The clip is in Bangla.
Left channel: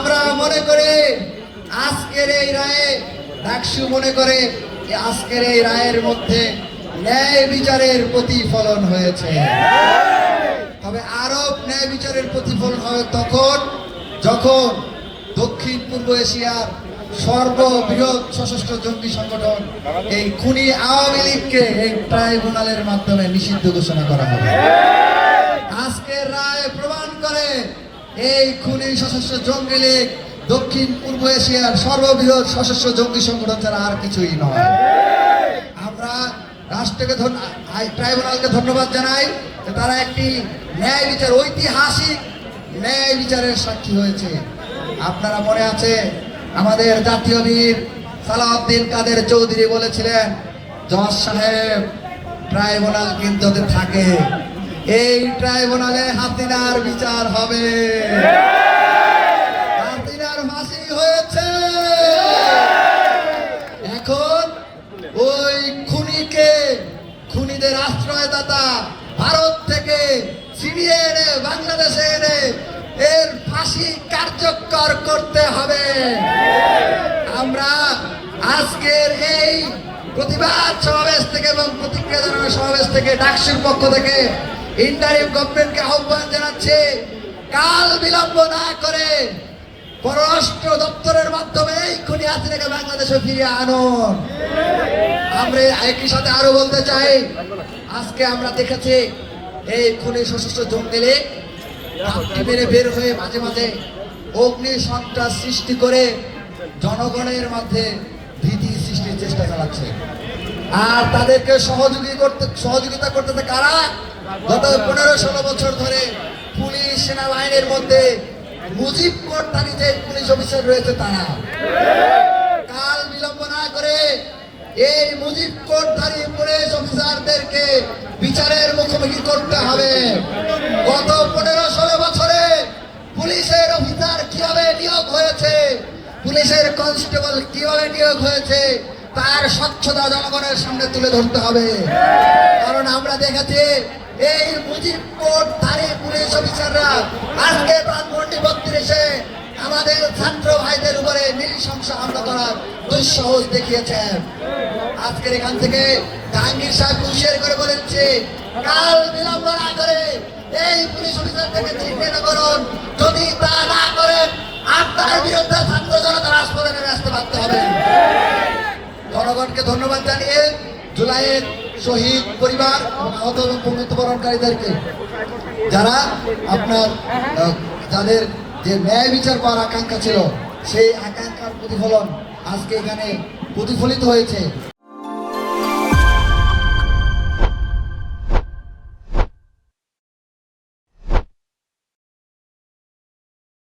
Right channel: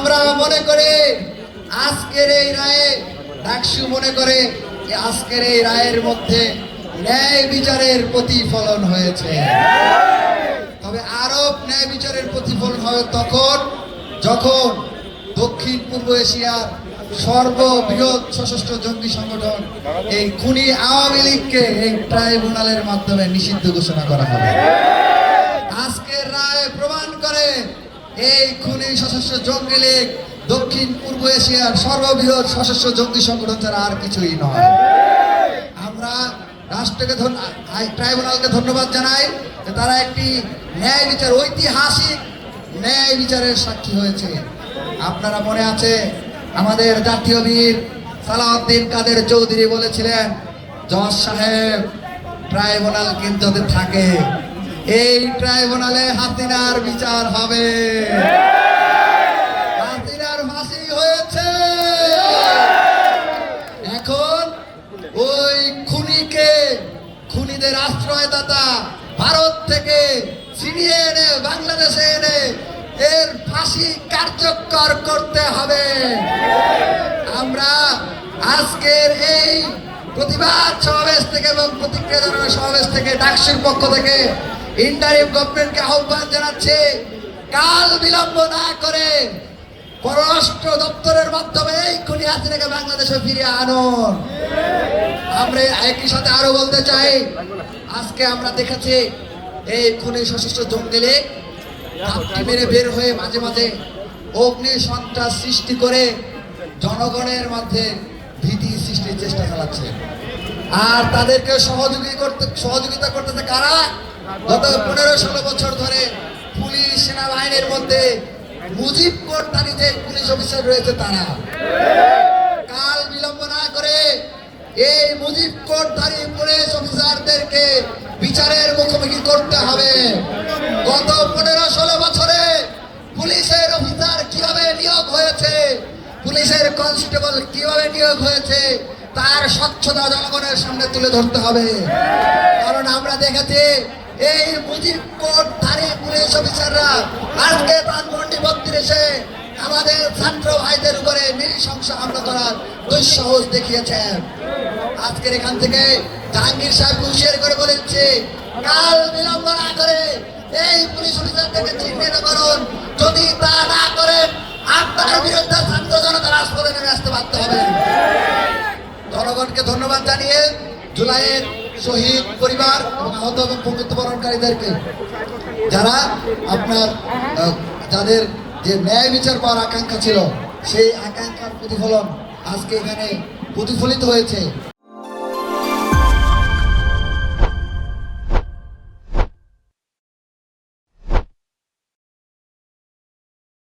আমরা মনে করে আজকের এই রায়ে, ডাকসু মনে করে আজকের এই রায়ের মধ্যে ন্যায় বিচারের প্রতিফলন হয়েছে। তবে আরব ন্যায় বিচারের প্রতিফলন হবে তখন যখন দক্ষিণ পূর্ব এশিয়ার সর্ববৃহৎ সশস্ত্র জঙ্গি সংগঠন এই খুনি আওয়ামী লীগকে এই ট্রাইব্যুনালের মাধ্যমে নিষিদ্ধ ঘোষণা করা হবে। এই খুনি সশস্ত্র জঙ্গি লীগ দক্ষিণ পূর্ব এশিয়ার সর্ববৃহৎ সশস্ত্র জঙ্গি সংগঠন ছাড়া আর কিছুই নয়। আমরা রাষ্ট্রকে ট্রাইব্যুনালকে ধন্যবাদ জানাই তারা একটি ন্যায় বিচার, ঐতিহাসিক ন্যায় বিচারের সাক্ষী হয়েছে। আপনারা মনে আছে আমাদের জাতীয় বীর সালাউদ্দিন কাদের চৌধুরী বলেছিলেন, জজ সাহেব, ট্রাইব্যুনাল কিন্তু থাকে। এই ট্রাইব্যুনালে হাসিনার বিচার হবে। হাসিনার ফাঁসি হয়েছে। এখন ওই খুনিকে, খুনিদের আশ্রয়দাতা ভারত থেকে ছিনিয়ে এনে, বাংলাদেশে এনে এর ফাঁসি কার্যকর করতে হবে। আমরা আজকের এই প্রতিবাদ সমাবেশ থেকে এবং প্রতিক্রিয়া সমাবেশ থেকে ডাকসুর পক্ষ থেকে ইন্টারিম গভর্নমেন্টকে আহ্বান জানাচ্ছে, কাল বিলম্ব না করে পররাষ্ট্র দপ্তরের মাধ্যমে এই খুনি হাসিনাকে বাংলাদেশে ফিরিয়ে আনুন। আমরা একই সাথে আরও বলতে চাই, আজকে আমরা দেখেছি এই খুনি সশস্ত্র জঙ্গি লীগ ঘাপটি মেরে বের হয়ে মাঝে মাঝে অগ্নি সন্ত্রাস সৃষ্টি করে জনগণের মধ্যে ভীতি সৃষ্টির চেষ্টা চালাচ্ছে। আর তাদেরকে সহযোগী করতে সহযোগিতা করতেছে কারা? গত পনেরো ষোলো বছর ধরে পুলিশ সেনাবাহিনীর মধ্যে মুজিব কোর্টারিতে পুলিশ অফিসার রয়েছে তারা। কাল বিলম্ব না করে এই মুজিব কোর্টধারী পুলিশ অফিসারদেরকে বিচারের মুখোমুখি করতে হবে। গত পনেরো ষোলো বছরে পুলিশের অফিসার কীভাবে নিয়োগ হয়েছে, পুলিশের কনস্টেবল কীভাবে নিয়োগ হয়েছে, তার স্বচ্ছতা জনগণের সামনে তুলে ধরতে হবে। কারণ আমরা দেখেছি অফিসাররা, আজকে ধানমন্ডি বত্রিশে আমাদের ছাত্র ভাইদের উপরে নৃশংস হামলা করার দুঃসাহস দেখিয়েছেন আজকের এখান থেকে জাহাঙ্গীর সাহেব হুঁশিয়ার করে বলেছে, কাল বিলম্ব না করে এই পুলিশ অফিসারদেরকে চিহ্নিত করুন। যদি তা না করেন, আপনার বিরুদ্ধে ছাত্র জনতা রাজপথে নেমে আসতে বাধ্য হবে। জনগণকে ধন্যবাদ জানিয়ে জুলাইয়ের শহীদ পরিবার, আহত এবং মৃত্যুবরণকারীদেরকে যারা আপনার তাদের যে ন্যায় বিচার পাওয়ার আকাঙ্ক্ষা ছিল, সেই আকাঙ্ক্ষার প্রতিফলন আজকে এখানে প্রতিফলিত হয়েছে।